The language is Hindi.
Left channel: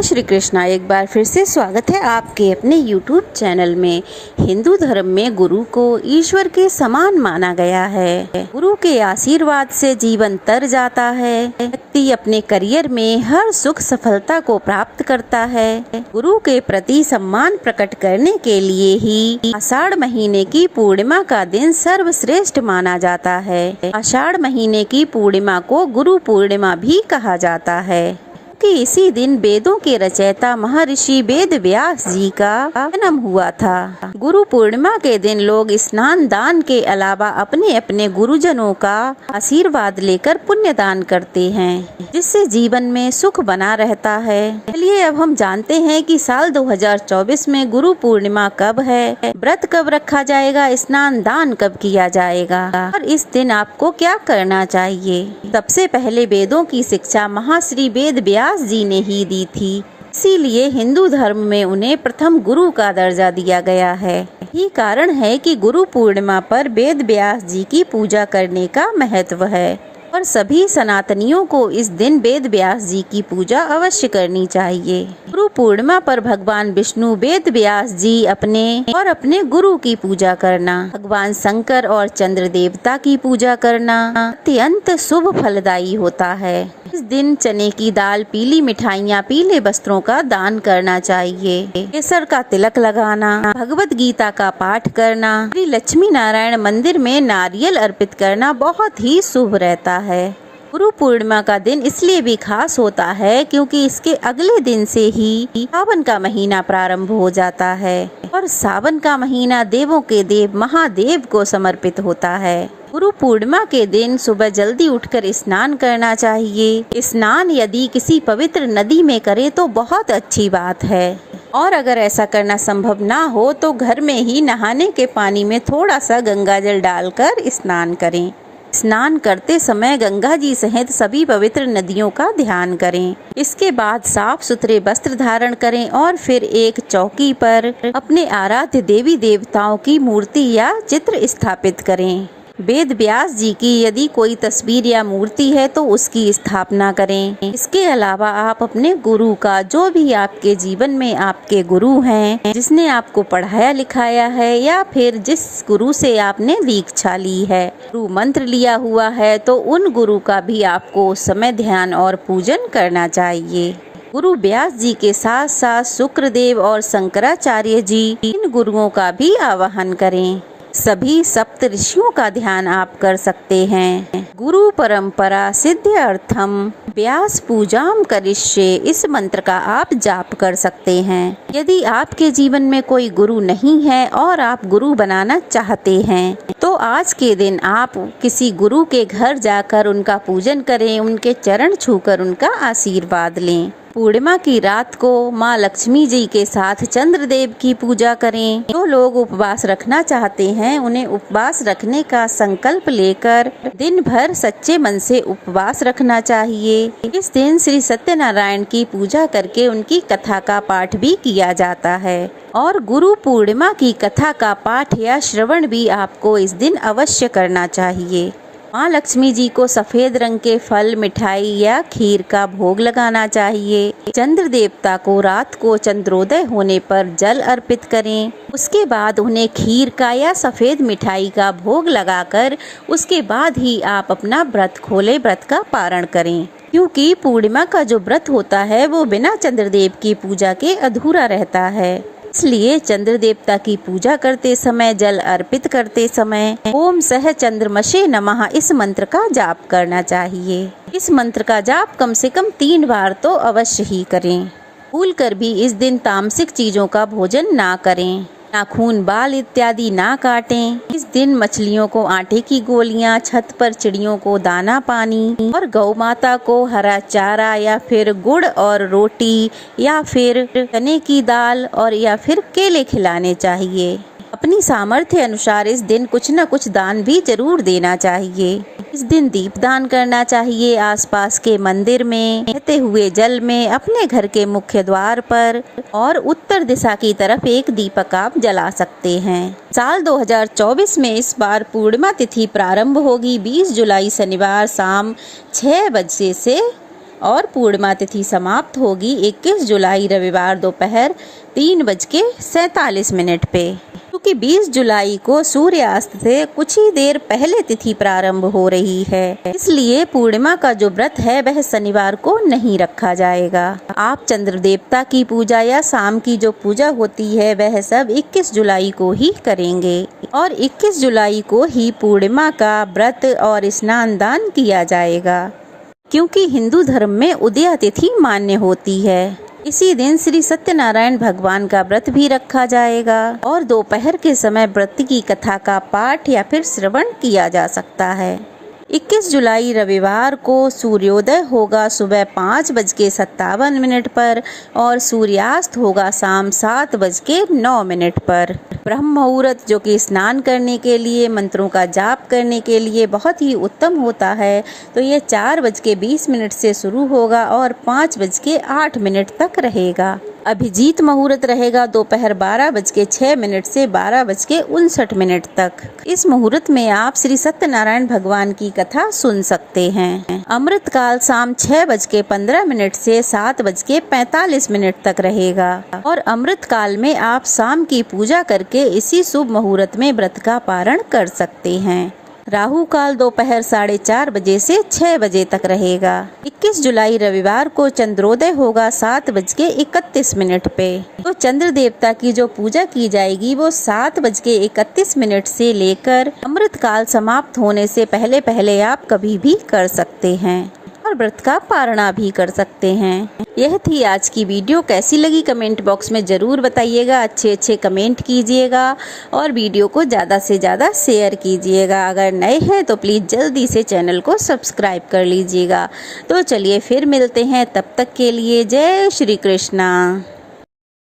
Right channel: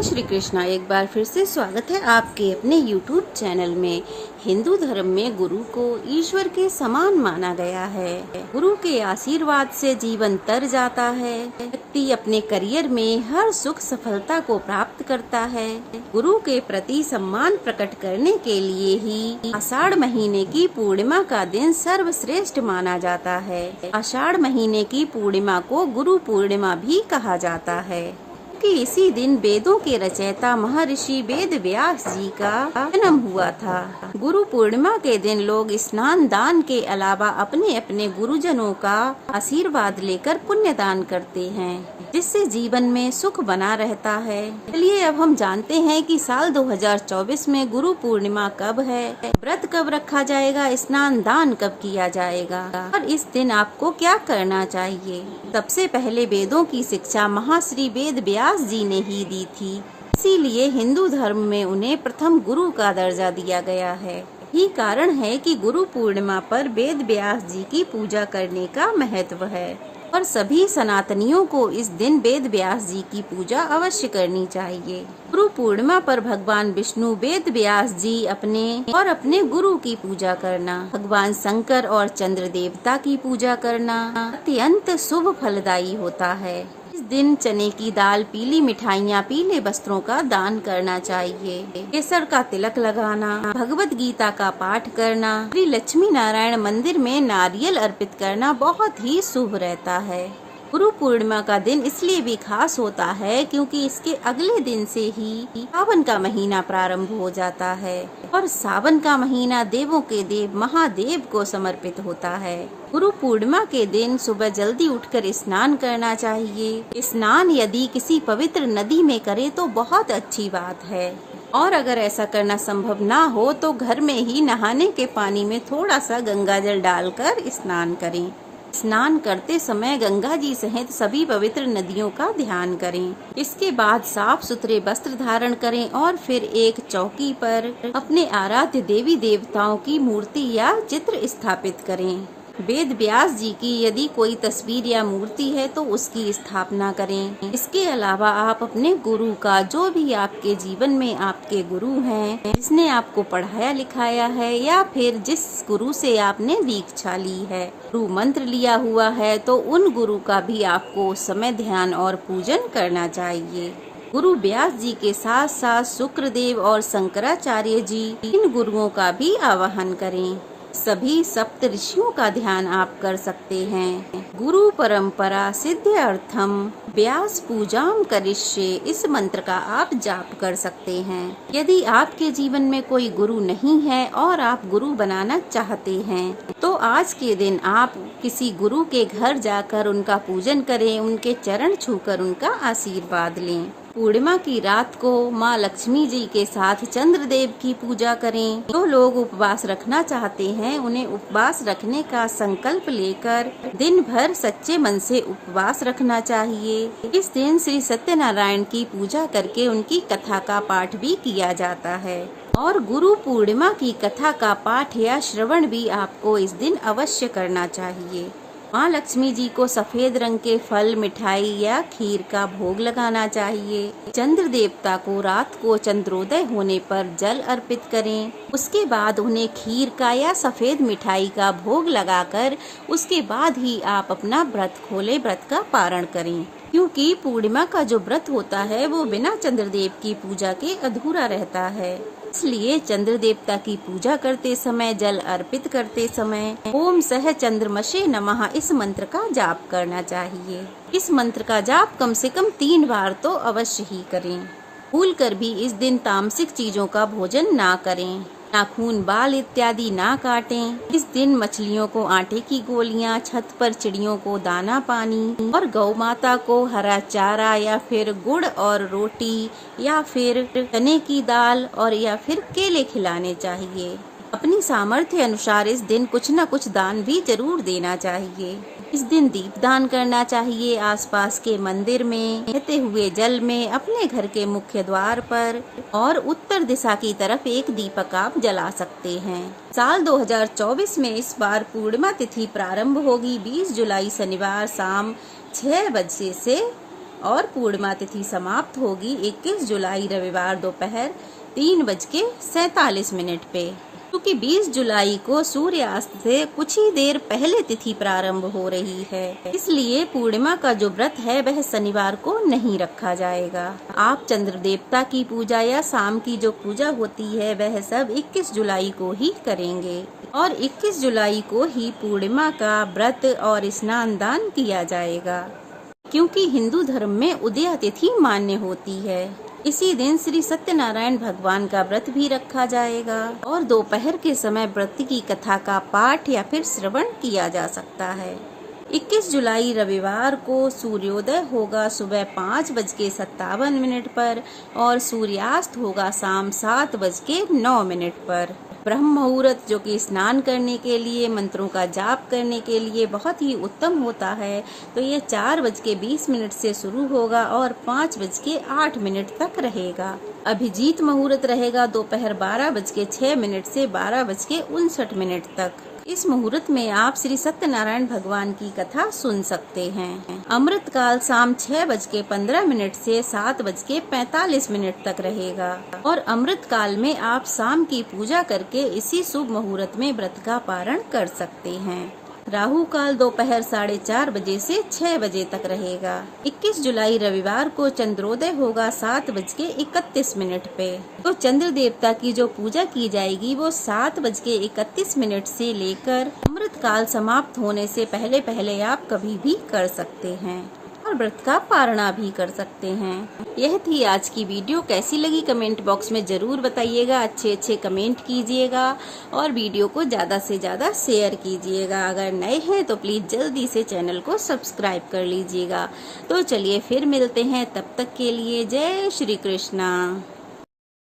जय श्री कृष्णा। एक बार फिर से स्वागत है आपके अपने YouTube चैनल में। हिंदू धर्म में गुरु को ईश्वर के समान माना गया है। गुरु के आशीर्वाद से जीवन तर जाता है। व्यक्ति अपने करियर में हर सुख सफलता को प्राप्त करता है। गुरु के प्रति सम्मान प्रकट करने के लिए ही आषाढ़ महीने की पूर्णिमा का दिन सर्वश्रेष्ठ माना जाता है। आषाढ़ महीने की पूर्णिमा को गुरु पूर्णिमा भी कहा जाता है कि इसी दिन वेदों के रचयिता महर्षि वेद व्यास जी का जन्म हुआ था। गुरु पूर्णिमा के दिन लोग स्नान दान के अलावा अपने अपने गुरुजनों का आशीर्वाद लेकर पुण्य दान करते हैं, जिससे जीवन में सुख बना रहता है। चलिए अब हम जानते हैं कि साल 2024 में गुरु पूर्णिमा कब है, व्रत कब रखा जाएगा, स्नान दान कब किया जाएगा और इस दिन आपको क्या करना चाहिए। सबसे पहले वेदों की शिक्षा महर्षि वेद व्यास जी ने ही दी थी, इसीलिए हिंदू धर्म में उन्हें प्रथम गुरु का दर्जा दिया गया है। यही कारण है कि गुरु पूर्णिमा पर वेद व्यास जी की पूजा करने का महत्व है और सभी सनातनियों को इस दिन वेद व्यास जी की पूजा अवश्य करनी चाहिए। गुरु पूर्णिमा पर भगवान विष्णु, वेद व्यास जी अपने गुरु की पूजा करना, भगवान शंकर और चंद्र देवता की पूजा करना अत्यंत शुभ फलदायी होता है। इस दिन चने की दाल, पीली मिठाइयाँ, पीले वस्त्रों का दान करना चाहिए। केसर का तिलक लगाना, भगवत गीता का पाठ करना, श्री लक्ष्मी नारायण मंदिर में नारियल अर्पित करना बहुत ही शुभ रहता है। गुरु पूर्णिमा का दिन इसलिए भी खास होता है क्योंकि इसके अगले दिन से ही सावन का महीना प्रारंभ हो जाता है और सावन का महीना देवों के देव महादेव को समर्पित होता है। गुरु पूर्णिमा के दिन सुबह जल्दी उठकर स्नान करना चाहिए। स्नान यदि किसी पवित्र नदी में करे तो बहुत अच्छी बात है और अगर ऐसा करना संभव ना हो तो घर में ही नहाने के पानी में थोड़ा सा गंगा जल डालकर स्नान करें। स्नान करते समय गंगा जी सहित सभी पवित्र नदियों का ध्यान करें। इसके बाद साफ सुथरे वस्त्र धारण करें और फिर एक चौकी पर अपने आराध्य देवी देवताओं की मूर्ति या चित्र स्थापित करें। वेद व्यास जी की यदि कोई तस्वीर या मूर्ति है तो उसकी स्थापना करें। इसके अलावा आप अपने गुरु का, जो भी आपके जीवन में आपके गुरु हैं, जिसने आपको पढ़ाया लिखाया है या फिर जिस गुरु से आपने दीक्षा ली है, गुरु मंत्र लिया हुआ है, तो उन गुरु का भी आपको उस समय ध्यान और पूजन करना चाहिए। गुरु व्यास जी के साथ साथ शुक्रदेव और शंकराचार्य जी, इन गुरुओं का भी आवाहन करें। सभी सप्त ऋषियों का ध्यान आप कर सकते हैं। गुरु परंपरा सिद्ध्यर्थम व्यास पूजाम करिष्ये, इस मंत्र का आप जाप कर सकते हैं। यदि आपके जीवन में कोई गुरु नहीं है और आप गुरु बनाना चाहते हैं तो आज के दिन आप किसी गुरु के घर जाकर उनका पूजन करें, उनके चरण छूकर उनका आशीर्वाद लें। पूर्णिमा की रात को माँ लक्ष्मी जी के साथ चंद्रदेव की पूजा करें। जो लोग उपवास रखना चाहते हैं उन्हें उपवास रखने का संकल्प लेकर दिन भर सच्चे मन से उपवास रखना चाहिए। इस दिन श्री सत्यनारायण की पूजा करके उनकी कथा का पाठ भी किया जाता है और गुरु पूर्णिमा की कथा का पाठ या श्रवण भी आपको इस दिन अवश्य करना चाहिए। माँ लक्ष्मी जी को सफेद रंग के फल, मिठाई या खीर का भोग लगाना चाहिए। चंद्र देवता को रात को चंद्रोदय होने पर जल अर्पित करें। उसके बाद उन्हें खीर का या सफेद मिठाई का भोग लगाकर उसके बाद ही आप अपना व्रत खोले, व्रत का पारण करें, क्योंकि पूर्णिमा का जो व्रत होता है वो बिना चंद्रदेव की पूजा के अधूरा रहता है। इसलिए चंद्र देवता की पूजा करते समय, जल अर्पित करते समय ओम सह चंद्रमसे नमः इस मंत्र का जाप करना चाहिए। इस मंत्र का जाप कम से कम 3 बार तो अवश्य ही करें। भूलकर भी इस दिन तामसिक चीजों का भोजन ना करें। नाखून, बाल इत्यादि ना काटें। इस दिन मछलियों को आटे की गोलियां, छत पर चिड़ियों को दाना पानी और गौ माता को हरा चारा या फिर गुड़ और रोटी या फिर चने की दाल और या फिर केले खिलाने चाहिए। अपनी सामर्थ्य अनुसार इस दिन कुछ न कुछ दान भी जरूर देना चाहिए। इस दिन दीप दान करना चाहिए। आसपास के मंदिर में, बहते हुए जल में, अपने घर के मुख्य द्वार पर और उत्तर दिशा की तरफ एक दीपक आप जला सकते हैं। साल 2024 में इस बार पूर्णिमा तिथि प्रारंभ होगी 20 जुलाई शनिवार शाम 6 बजे से और पूर्णिमा तिथि समाप्त होगी 21 जुलाई रविवार दोपहर 3:47 पे। क्योंकि 20 जुलाई को सूर्यास्त से कुछ ही देर पहले तिथि प्रारंभ हो रही है, इसलिए पूर्णिमा का जो व्रत है वह शनिवार को नहीं रखा जाएगा। आप चंद्र देवता की पूजा या शाम की जो पूजा होती है वह सब 21 जुलाई को ही करेंगे और 21 जुलाई को ही पूर्णिमा का व्रत और स्नान दान किया जाएगा। क्योंकि हिंदू धर्म में उदया तिथि मान्य होती है, इसी दिन श्री सत्यनारायण भगवान का व्रत भी रखा जाएगा और दोपहर के समय व्रत की कथा का पाठ या फिर श्रवण किया जा सकता है। 21 जुलाई रविवार को सूर्योदय होगा सुबह 5:57 पर और सूर्यास्त होगा शाम 7:09 पर। ब्रह्म मुहूर्त जो कि स्नान करने के लिए, मंत्रों का जाप करने के लिए बहुत ही उत्तम होता है, तो ये 4:20 से शुरू होगा और 5:08 तक रहेगा। अभिजीत मुहूर्त रहेगा दोपहर 12:06 से 12:59 तक। इस मुहूर्त में आप श्री सत्यनारायण भगवान की कथा सुन सकते हैं। अमृत काल शाम 6:15 से 7:45 तक रहेगा और अमृत काल में आप शाम की पूजा करके इसी शुभ मुहूर्त में व्रत का पारण कर सकते हैं। राहु काल दोपहर 4:30 बजे से 6 बजे तक रहेगा। 21 जुलाई रविवार को चंद्रोदय होगा 7:31 पे। तो चंद्र देवता की जो पूजा की जाएगी वो 7:31 से लेकर अमृत काल समाप्त होने से पहले पहले आप कभी भी कर सकते हैं और व्रत का पारणा भी कर सकते हैं। यह थी आज की वीडियो। कैसी लगी कमेंट बॉक्स में जरूर बताइएगा। अच्छे कमेंट कीजिएगा और वीडियो को ज़्यादा से ज़्यादा शेयर कीजिएगा। अगर नए हैं तो प्लीज़ जल्दी से चैनल को सब्सक्राइब कर लीजिएगा। तो चलिए फिर मिलते हैं, तब तक के लिए जय श्री कृष्णा।